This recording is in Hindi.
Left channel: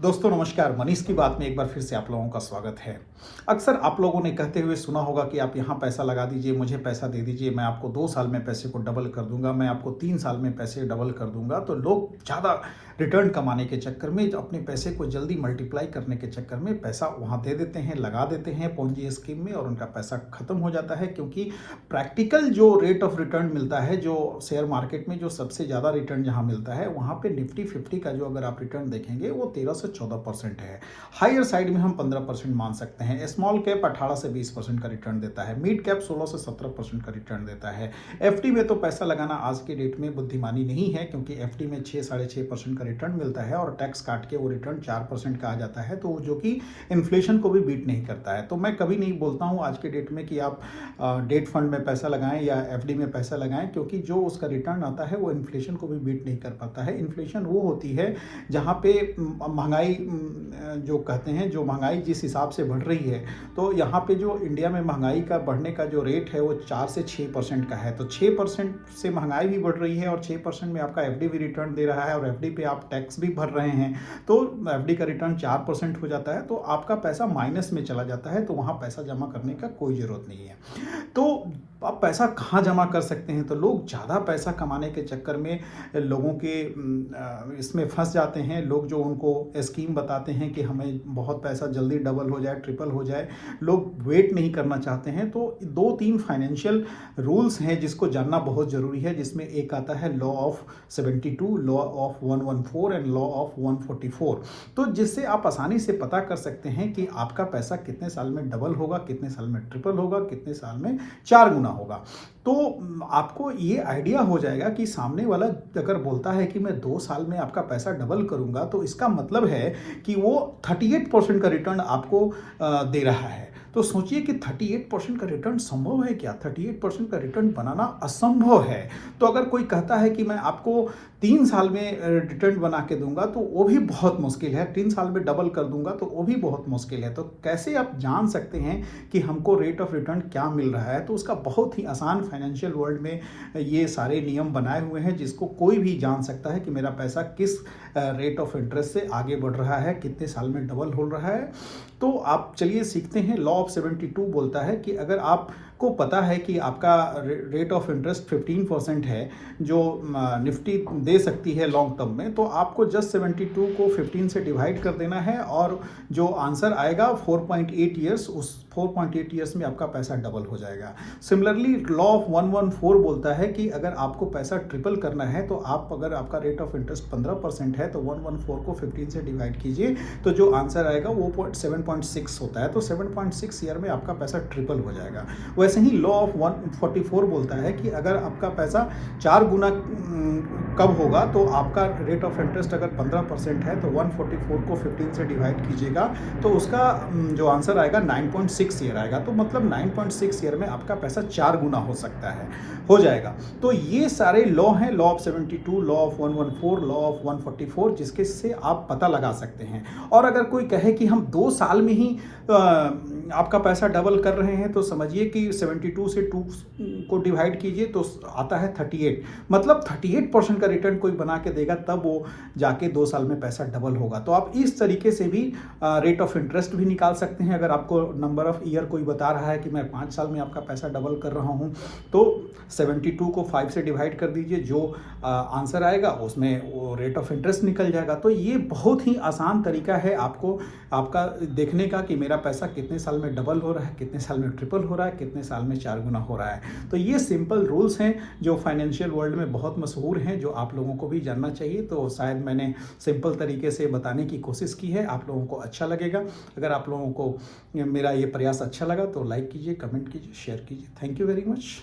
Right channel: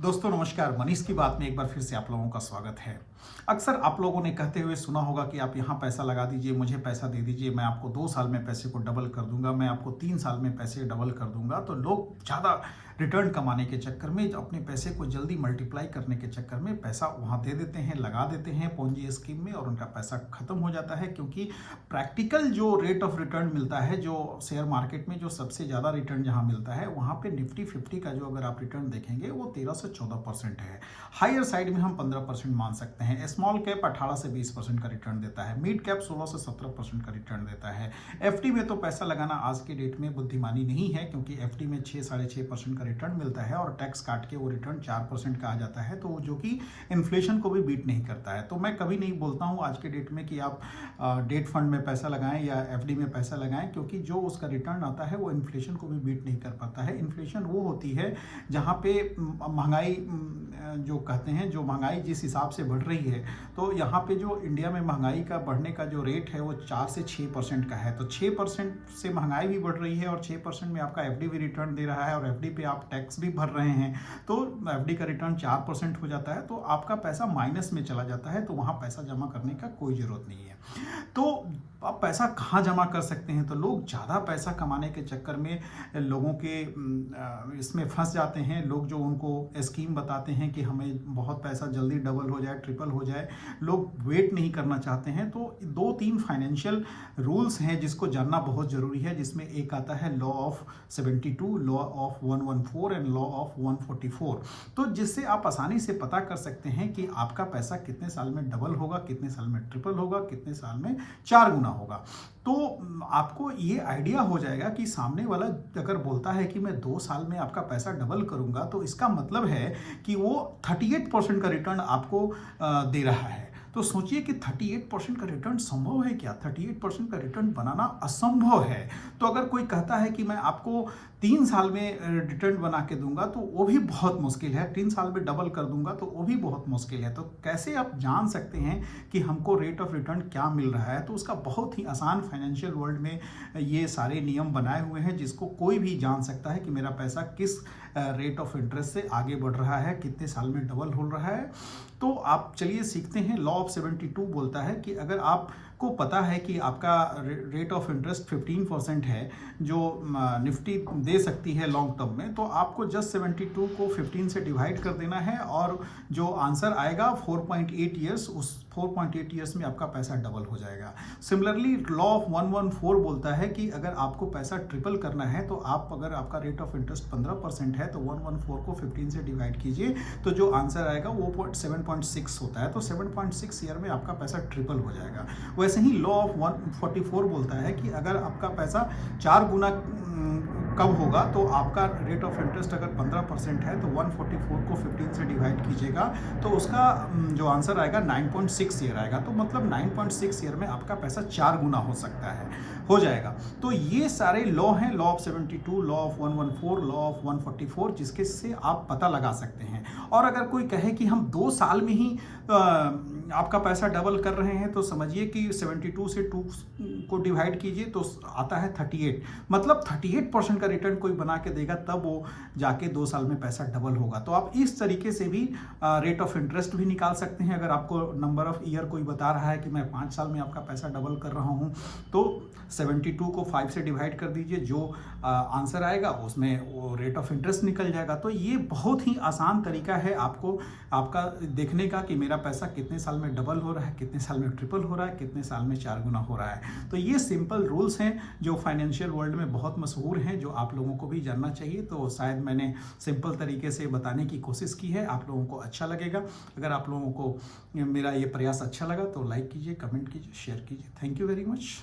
दोस्तों नमस्कार। मनीष की बात में एक बार फिर से आप लोगों का स्वागत है। अक्सर आप लोगों ने कहते हुए सुना होगा कि आप यहाँ पैसा लगा दीजिए, मुझे पैसा दे दीजिए, मैं आपको 2 साल में पैसे को डबल कर दूंगा, मैं आपको 3 साल में पैसे डबल कर दूंगा। तो लोग ज़्यादा रिटर्न कमाने के चक्कर में, अपने पैसे को जल्दी मल्टीप्लाई करने के चक्कर में पैसा वहाँ दे देते हैं, लगा देते हैं पोंजी स्कीम में, और उनका पैसा खत्म हो जाता है। क्योंकि प्रैक्टिकल जो रेट ऑफ रिटर्न मिलता है, जो शेयर मार्केट में जो सबसे ज़्यादा रिटर्न जहाँ मिलता है, वहाँ पे निफ्टी 50 का जो अगर आप रिटर्न देखेंगे वो 13 से 14% है। हायर साइड में हम 15% मान सकते हैं। स्मॉल कैप 18 से 20% का रिटर्न देता है। मिड कैप 16 से 17% का रिटर्न देता है। एफडी में तो पैसा लगाना आज के डेट में बुद्धिमानी नहीं है, क्योंकि एफडी में 6-6.5% का रिटर्न मिलता है और टैक्स काट के वो रिटर्न 4% का आ जाता है, तो जो कि इन्फ्लेशन को भी बीट नहीं करता है। तो मैं कभी नहीं बोलता हूँ आज के डेट में कि आप डेट फंड में पैसा लगाएं या एफडी में पैसा लगाएं, क्योंकि जो उसका रिटर्न आता है वो इन्फ्लेशन को भी बीट नहीं कर पाता है। इन्फ्लेशन वो होती है जहाँ पे महंगाई जो कहते हैं, जो महंगाई जिस हिसाब से बढ़ रही है, तो यहाँ पे जो इंडिया में महंगाई का बढ़ने का जो रेट है वो 4 से 6% का है। तो 6% से महंगाई भी बढ़ रही है और 6% में आपका एफडी भी रिटर्न दे रहा है और एफडी पे आप टैक्स भी भर रहे हैं, तो एफडी का रिटर्न 4% हो जाता है, तो आपका पैसा माइनस में चला जाता है। तो वहाँ पैसा जमा करने का कोई ज़रूरत नहीं है। तो आप पैसा कहाँ जमा कर सकते हैं? तो लोग ज़्यादा पैसा कमाने के चक्कर में लोगों के इसमें फंस जाते हैं। लोग जो उनको स्कीम बताते हैं कि हमें बहुत पैसा जल्दी डबल हो जाए, ट्रिपल हो जाए, लोग वेट नहीं करना चाहते हैं। तो 2-3 फाइनेंशियल रूल्स हैं जिसको जानना बहुत ज़रूरी है, जिसमें एक आता है law of 72, law of 114 and law of 144। तो जिससे आप आसानी से पता कर सकते हैं कि आपका पैसा कितने साल में डबल होगा, कितने साल में ट्रिपल होगा, कितने साल में 4 गुना होगा। तो आपको ये आइडिया हो जाएगा कि सामने वाला अगर बोलता है कि मैं 2 साल में आपका पैसा डबल करूंगा, तो इसका मतलब है कि वो 38% का रिटर्न आपको दे रहा है। तो सोचिए कि 38% का रिटर्न संभव है क्या? 38% का रिटर्न बनाना असंभव है। तो अगर कोई कहता है कि मैं आपको 3 साल में रिटर्न बना के दूंगा, तो वो भी बहुत मुश्किल है। 3 साल में डबल कर दूंगा तो वो भी बहुत मुश्किल है। तो कैसे आप जान सकते हैं कि हमको रेट ऑफ रिटर्न क्या मिल रहा है? तो उसका बहुत ही आसान फाइनेंशियल वर्ल्ड में ये सारे नियम बनाए हुए हैं, जिसको कोई भी जान सकता है कि मेरा पैसा किस रेट ऑफ इंटरेस्ट से आगे बढ़ रहा है, कितने साल में डबल हो रहा है। तो आप चलिए सीखते हैं। लॉ ऑफ 72 बोलता है कि अगर आपको पता है कि आपका रेट ऑफ इंटरेस्ट 15% है जो निफ्टी दे सकती है लॉन्ग टर्म में, तो आपको जस्ट 72 को 15 से डिवाइड कर देना है और जो आंसर आएगा 4.8 ईयर्स, उस 4.8 ईयर्स में आपका पैसा डबल हो जाएगा। सिमिलरली लॉ ऑफ 114 बोलता है कि अगर आपको पैसा ट्रिपल करना है, तो आप अगर आपका रेट ऑफ इंटरेस्ट 15% है तो 114 को 15 से डिवाइड कीजिए, तो जो आंसर आएगा वो 7.6 होता है। तो 7.6 ईयर में आपका पैसा ट्रिपल हो जाएगा। वैसे ही लॉ ऑफ 144 बोलता है कि अगर आपका पैसा 4 गुना कब होगा, तो आपका रेट ऑफ इंटरेस्ट अगर 15% है तो 144 को 15 से डिवाइड कीजिएगा, तो उसका जो आंसर आएगा 9.6 ईयर आएगा। तो मतलब 9.6 ईयर में आपका पैसा 4 गुना हो सकता है, हो जाएगा। तो ये सारे लॉ हैं, law of 72, law of 114, law of 144, जिसके से आप पता लगा सकते हैं। और अगर कोई कहे कि हम 2 साल में ही आपका पैसा डबल कर रहे हैं, तो समझिए कि 72 से 2 को डिवाइड कीजिए तो आता है 38। मतलब 38% का रिटर्न कोई बना के देगा, तब वो जाके 2 साल में पैसा डबल होगा। तो आप इस तरीके से भी रेट ऑफ इंटरेस्ट भी निकाल सकते हैं। अगर आपको नंबर ऑफ ईयर कोई बता रहा है कि मैं 5 साल में आपका पैसा डबल कर रहा हूँ, तो 72 को 5 से डिवाइड कर दीजिए, जो आंसर आएगा उसमें वो रेट ऑफ इंटरेस्ट निकल जाएगा। तो ये बहुत ही आसान तरीका है आपको आपका देखने का कि मेरा पैसा कितने साल में डबल हो रहा है, कितने साल में ट्रिपल हो रहा है, कितने साल में 4 गुना हो रहा है। तो ये सिंपल रूल्स हैं जो फाइनेंशियल वर्ल्ड में बहुत मशहूर हैं, जो आप लोगों को भी जानना चाहिए। तो शायद मैंने सिंपल तरीके से बताने की कोशिश की है, आप लोगों को अच्छा लगेगा। अगर आप लोगों को मेरा ये प्रयास अच्छा लगा तो लाइक कीजिए, कमेंट कीजिए, शेयर कीजिए। Thank you very much.